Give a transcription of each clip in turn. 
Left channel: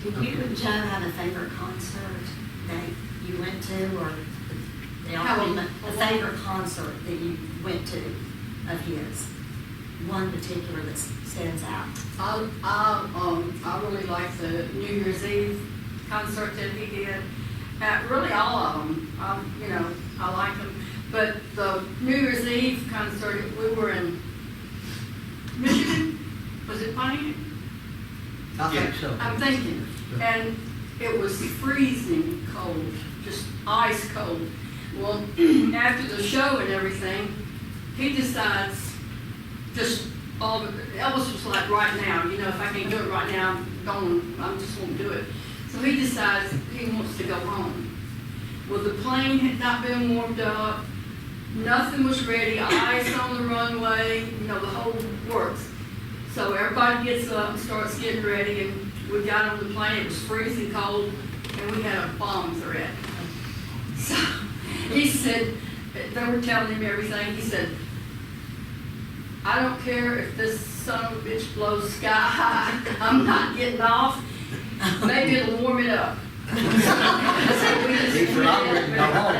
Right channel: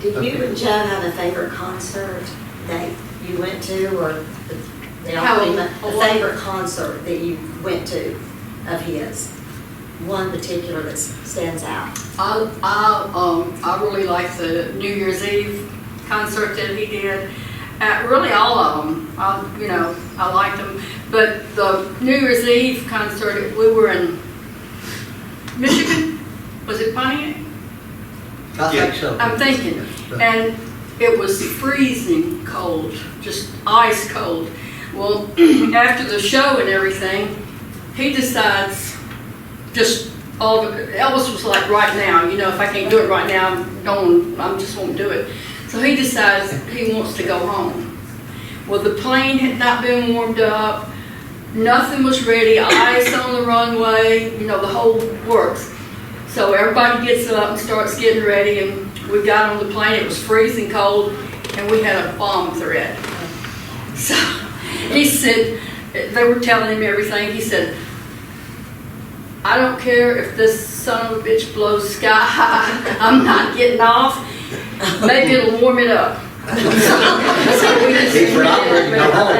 Did you and Joe have a favorite concert that you went to, or they all pretty much, a favorite concert that you went to of his? One particular that stands out. I really like the New Year's Eve concert that he did. Really all of them. I liked them. But the New Year's Eve concert, we were in Michigan. Was it Pontiac? I think so. I'm thinking. And it was freezing cold, just ice cold. Well, after the show and everything, he decides just all of it. Elvis was like, right now, if I can't do it right now, I just won't do it. So he decides he wants to go home. Well, the plane had not been warmed up. Nothing was ready. Ice on the runway, the whole works. So everybody gets up and starts getting ready, and we got on the plane. It was freezing cold, and we had a bomb threat. So he said, they were telling him everything. He said, I don't care if this son of a bitch blows sky high. I'm not getting off. Maybe it'll warm it up. So we just He's ready to go home,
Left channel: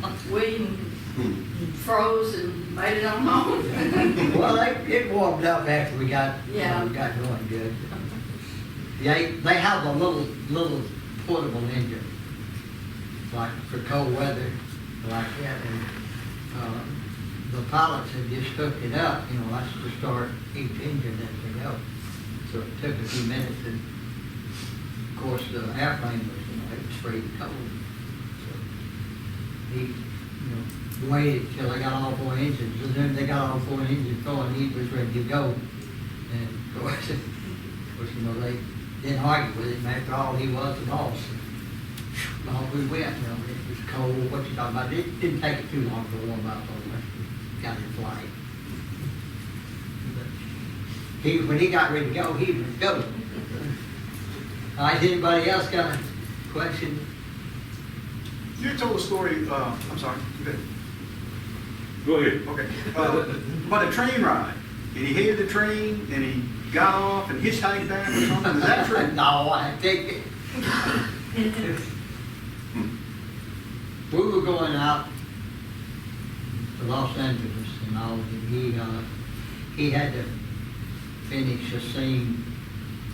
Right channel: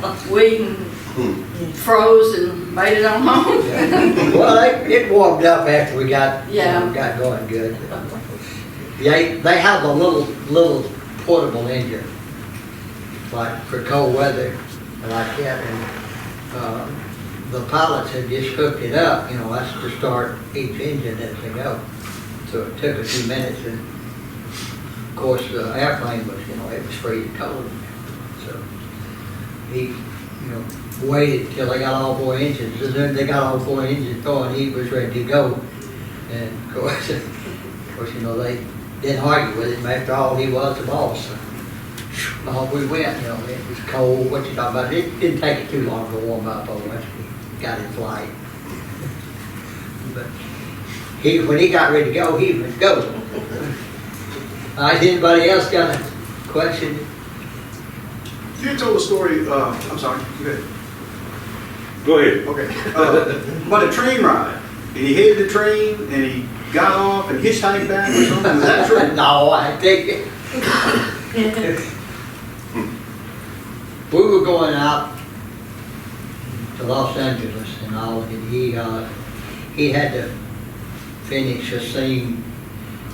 But we froze and made it on home. Well, it warmed up after we got going good. They have a little portable engine, like for cold weather, like that, and the pilots had just hooked it up. That's to start each engine as they go. So it took a few minutes, and of course the airplane was, it was freezing cold. So he, waited till they got all 4 engines, and then they got all 4 engines going. He was ready to go, and of course, they didn't argue with him. After all, he was the boss. So off we went. It was cold. What you talking about? It didn't take it too long to warm up. Once we got in flight, but when he got ready to go, he would go. All right, anybody else got a question? You told a story, I'm sorry, go ahead. Go ahead. Okay. About a train ride. And he hated the train, and he got off and hitchhiked back or something. Is that true? No, I take it. We were going out to Los Angeles and all, and he had to finish a scene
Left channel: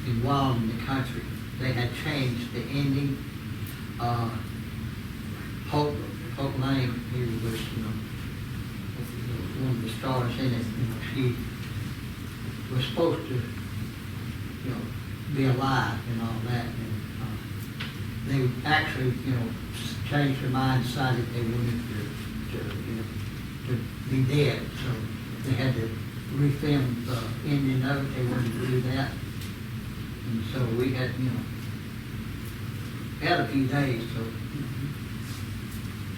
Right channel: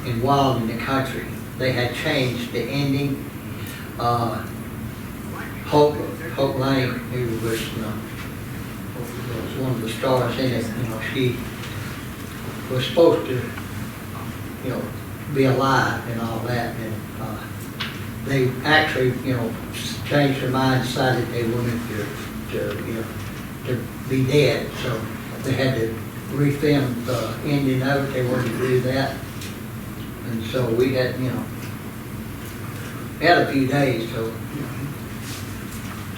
in Wild in the Country. They had changed the ending. Hope Lane, who was, was one of the stars in it, she was supposed to, be alive and all that, and they actually, changed their mind, decided they wanted to be dead, so they had to refilm the ending of it. They wanted to do that, and so we had, had a few days, so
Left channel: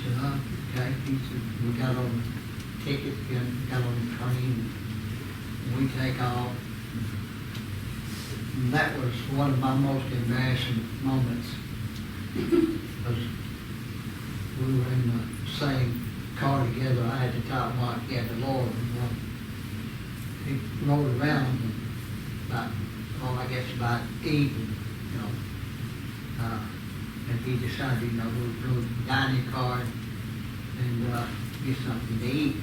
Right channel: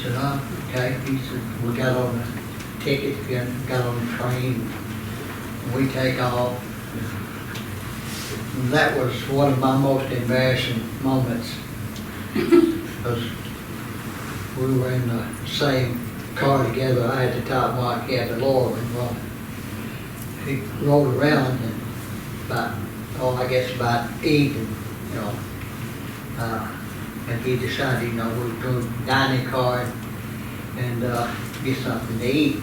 said, okay. He said, we got on the ticket, got on the train, and we take off. And that was one of my most embarrassing moments, because we were in the same car together. I had the top mark, he had the lower one. Well, he rolled around and about evening, and he decided, we were going to dine in car and get something to eat.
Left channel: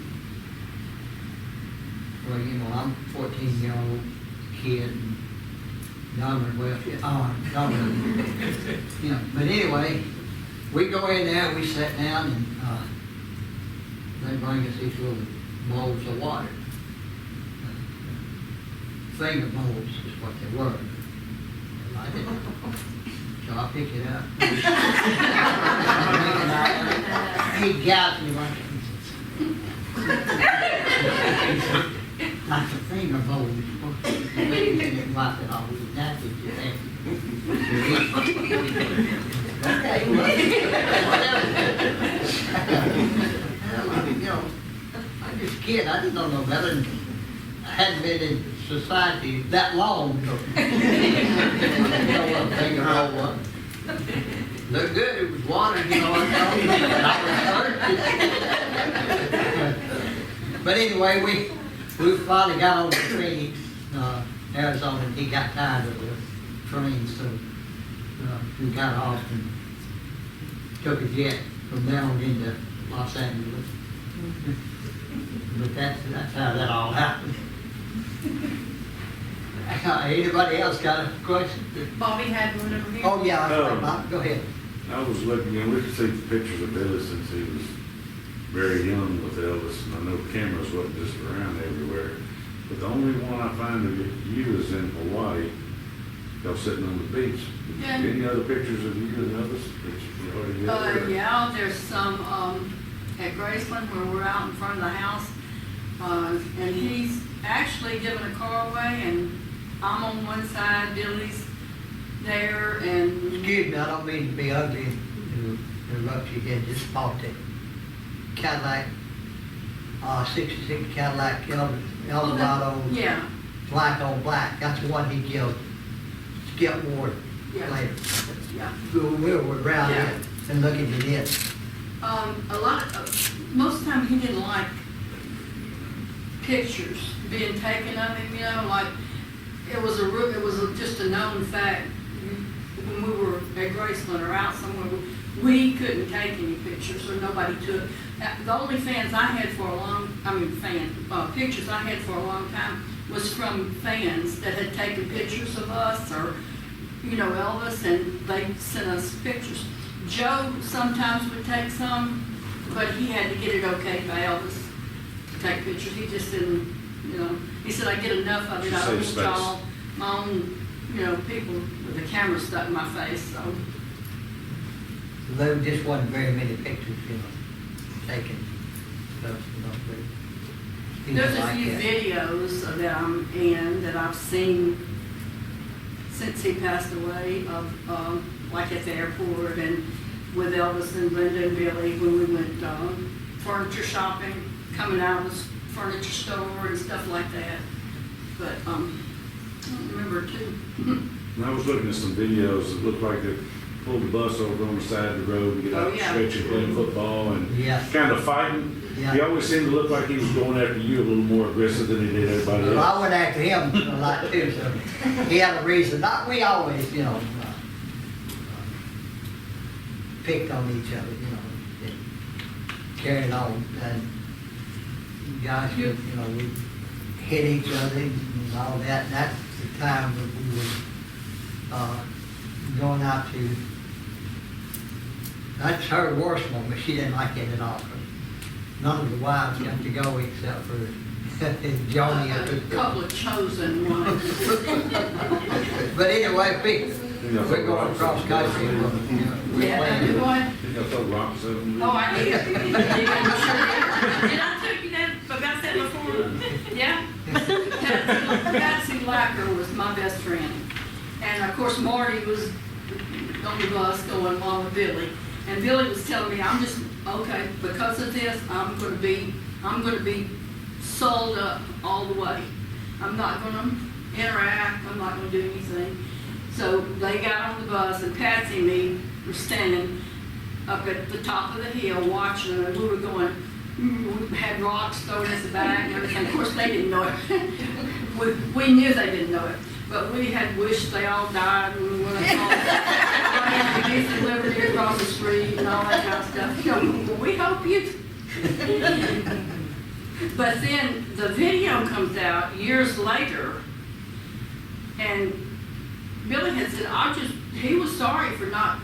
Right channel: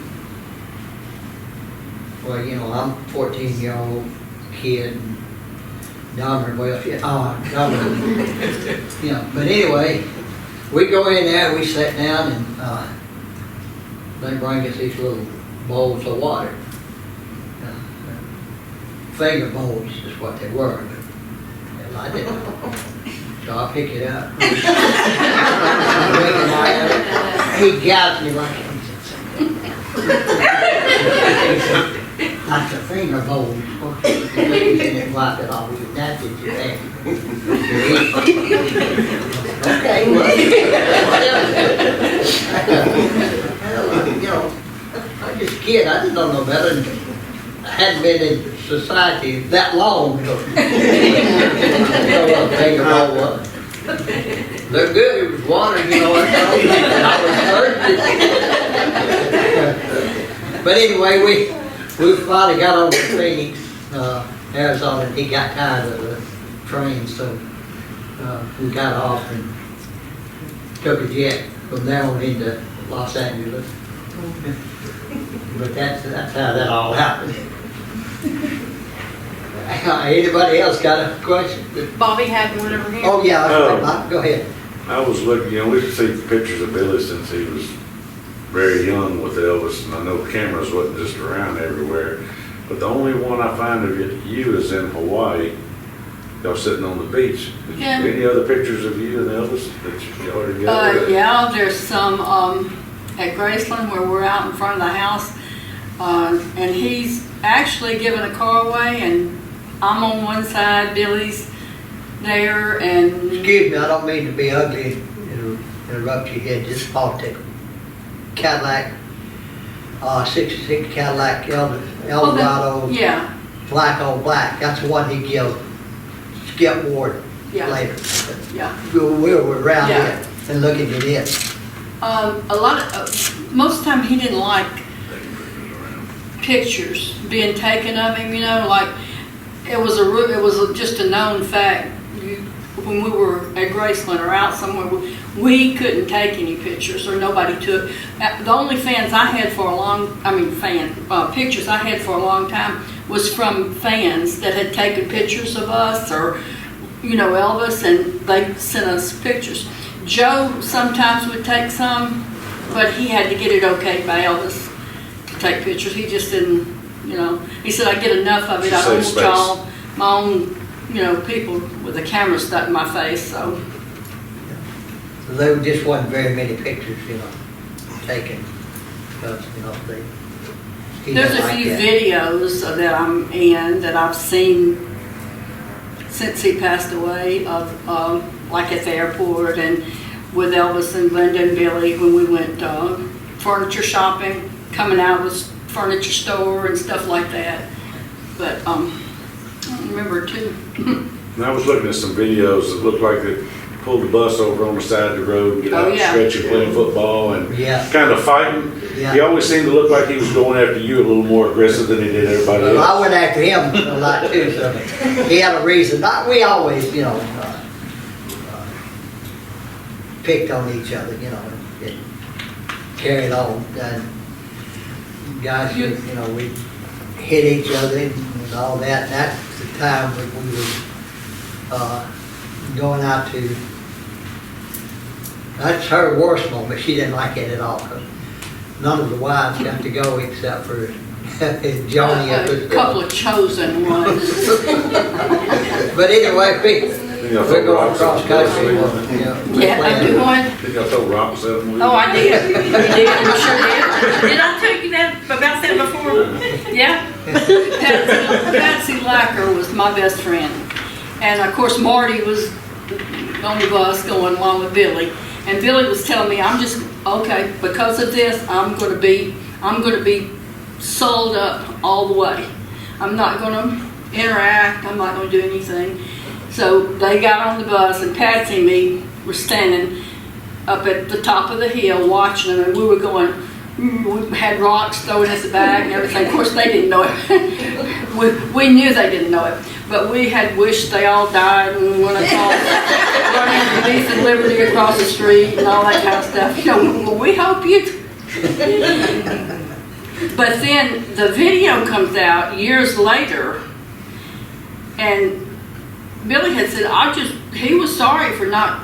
Well, I'm a 14-year-old kid, and Dahmer, but anyway, we go in there, we sat down, and they bring us these little bowls of water. Finger bowls is what they were, but I didn't. So I pick it up. He gouged me like a finger bowl. And wipe it off with your napkin. Okay, well, I'm just a kid. I didn't know no better. I hadn't been in society that long. So what a finger bowl was. Looked good. It was water, and I was thirsty. But anyway, we finally got on to Phoenix, Arizona, and he got tired of the train, so, we got off and took a jet from there on into Los Angeles. But that's how that all happened. Anybody else got a question? Bobby had one over here. Oh, yeah, Oh. go ahead. I was looking, we could see pictures of Billy since he was very young with Elvis, and I know cameras wasn't just around everywhere. But the only one I find of you is in Hawaii. Y'all sitting on the beach. Yeah. Any other pictures of you and Elvis that you already got? Yeah, there's some, at Graceland where we're out in front of the house. And he's actually giving a car away, and I'm on one side, Billy's there, and. Excuse me, I don't mean to be ugly and interrupt you here, just politics. Cadillac, 66 Cadillac Eldorado, Yeah, black on black, that's the one he killed Skip Ward yeah, later. yeah. We were around Yeah. here and looking at it. Most of the time he didn't like pictures being taken of him, like, it was just a known fact. When we were at Graceland or out somewhere, we couldn't take any pictures, or nobody took. The only pictures I had for a long time was from fans that had taken pictures of us, or, Elvis, and they sent us pictures. Joe sometimes would take some, but he had to get it okayed by Elvis to take pictures. He just didn't, he said, I get enough of it. I don't want y'all, my own, people with a camera stuck in my face, so. There just wasn't very many pictures, taken, because, he There's didn't a like few that. videos that I'm in that I've seen since he passed away of, like at the airport, and with Elvis and Linda and Billy when we went furniture shopping, coming out of the furniture store and stuff like that. But I don't remember too. And I was looking at some videos that looked like they pulled the bus over on the side of the road, get out Oh, and yeah. stretch and playing football and Yeah. kind of fighting. Yeah. He always seemed to look like he was going after you a little more aggressive than he did everybody Well, I else. went after him a lot too, so he had a reason. We always, picked on each other, and carried on. And guys, we hit each other and all that. And that's the time when we were going out to. That's her worst moment. She didn't like it at all. 'Cause none of the wives got to go except for Joni. A couple of chosen ones. But anyway, Y'all we're throw going rocks across at country. him? Yeah, I do one. Did y'all throw rocks at him? Oh, I did. You did? You sure Did I tell you about that before? did? Yeah. Patsy Lacker was my best friend. And of course, Marty was on the bus going along with Billy. And Billy was telling me, because of this, I'm gonna be sold up all the way. I'm not gonna interact, I'm not gonna do anything. So they got on the bus, and Patsy and me were standing up at the top of the hill watching them, and we were going, we had rocks thrown at the back and everything. Of course, they didn't know it. we knew they didn't know it, but we had wished they all died when we went across, running underneath the Liberty across the street and all that kind of stuff. Well, we hope you. But then the video comes out years later, and Billy had said, he was sorry for not,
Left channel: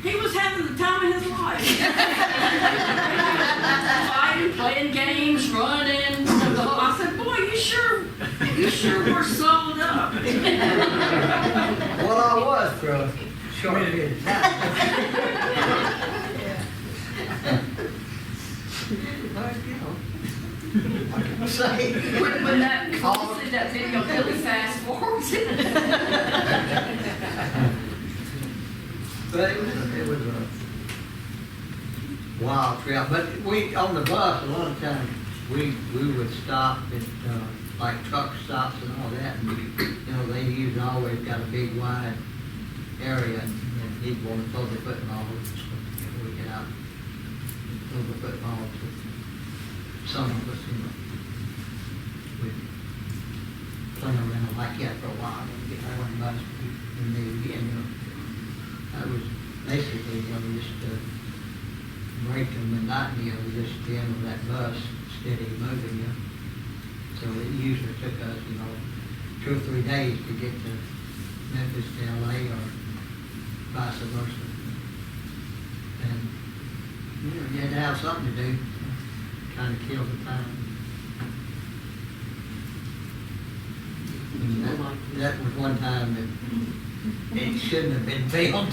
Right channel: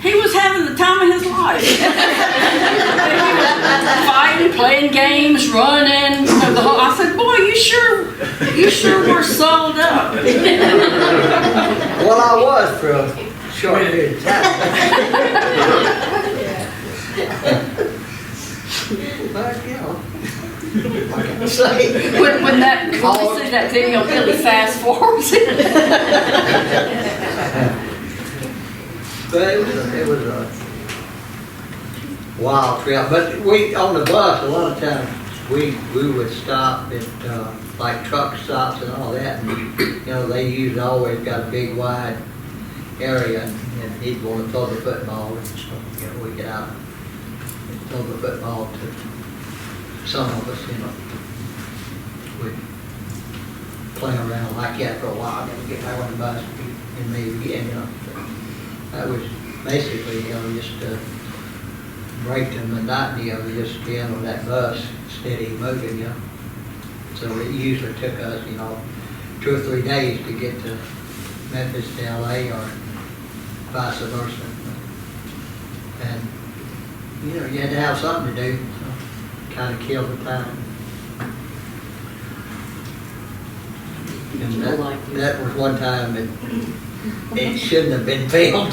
he was having the time of his life. Fighting, playing games, running, the whole, I said, boy, you sure were sold up. Well, I was for a short period of time. But, what can I say? When we see that video, Billy fast forwards it. But it was a wild trip. But we, on the bus, a lot of times, we would stop at, like truck stops and all that. And, they usually always got a big wide area, and he'd want to throw the football. And, we get out and throw the football to some of us, we'd playing around like that for a while, and then get back on the bus and leave again, you know. That was basically, you know, just to break the monotony of just being on that bus, steady moving, you know. So it usually took us, you know, 2 or 3 days to get to Memphis to LA or vice versa. And, you know, you had to have something to do, so kind of kill the time. And that was one time that it shouldn't have been filmed.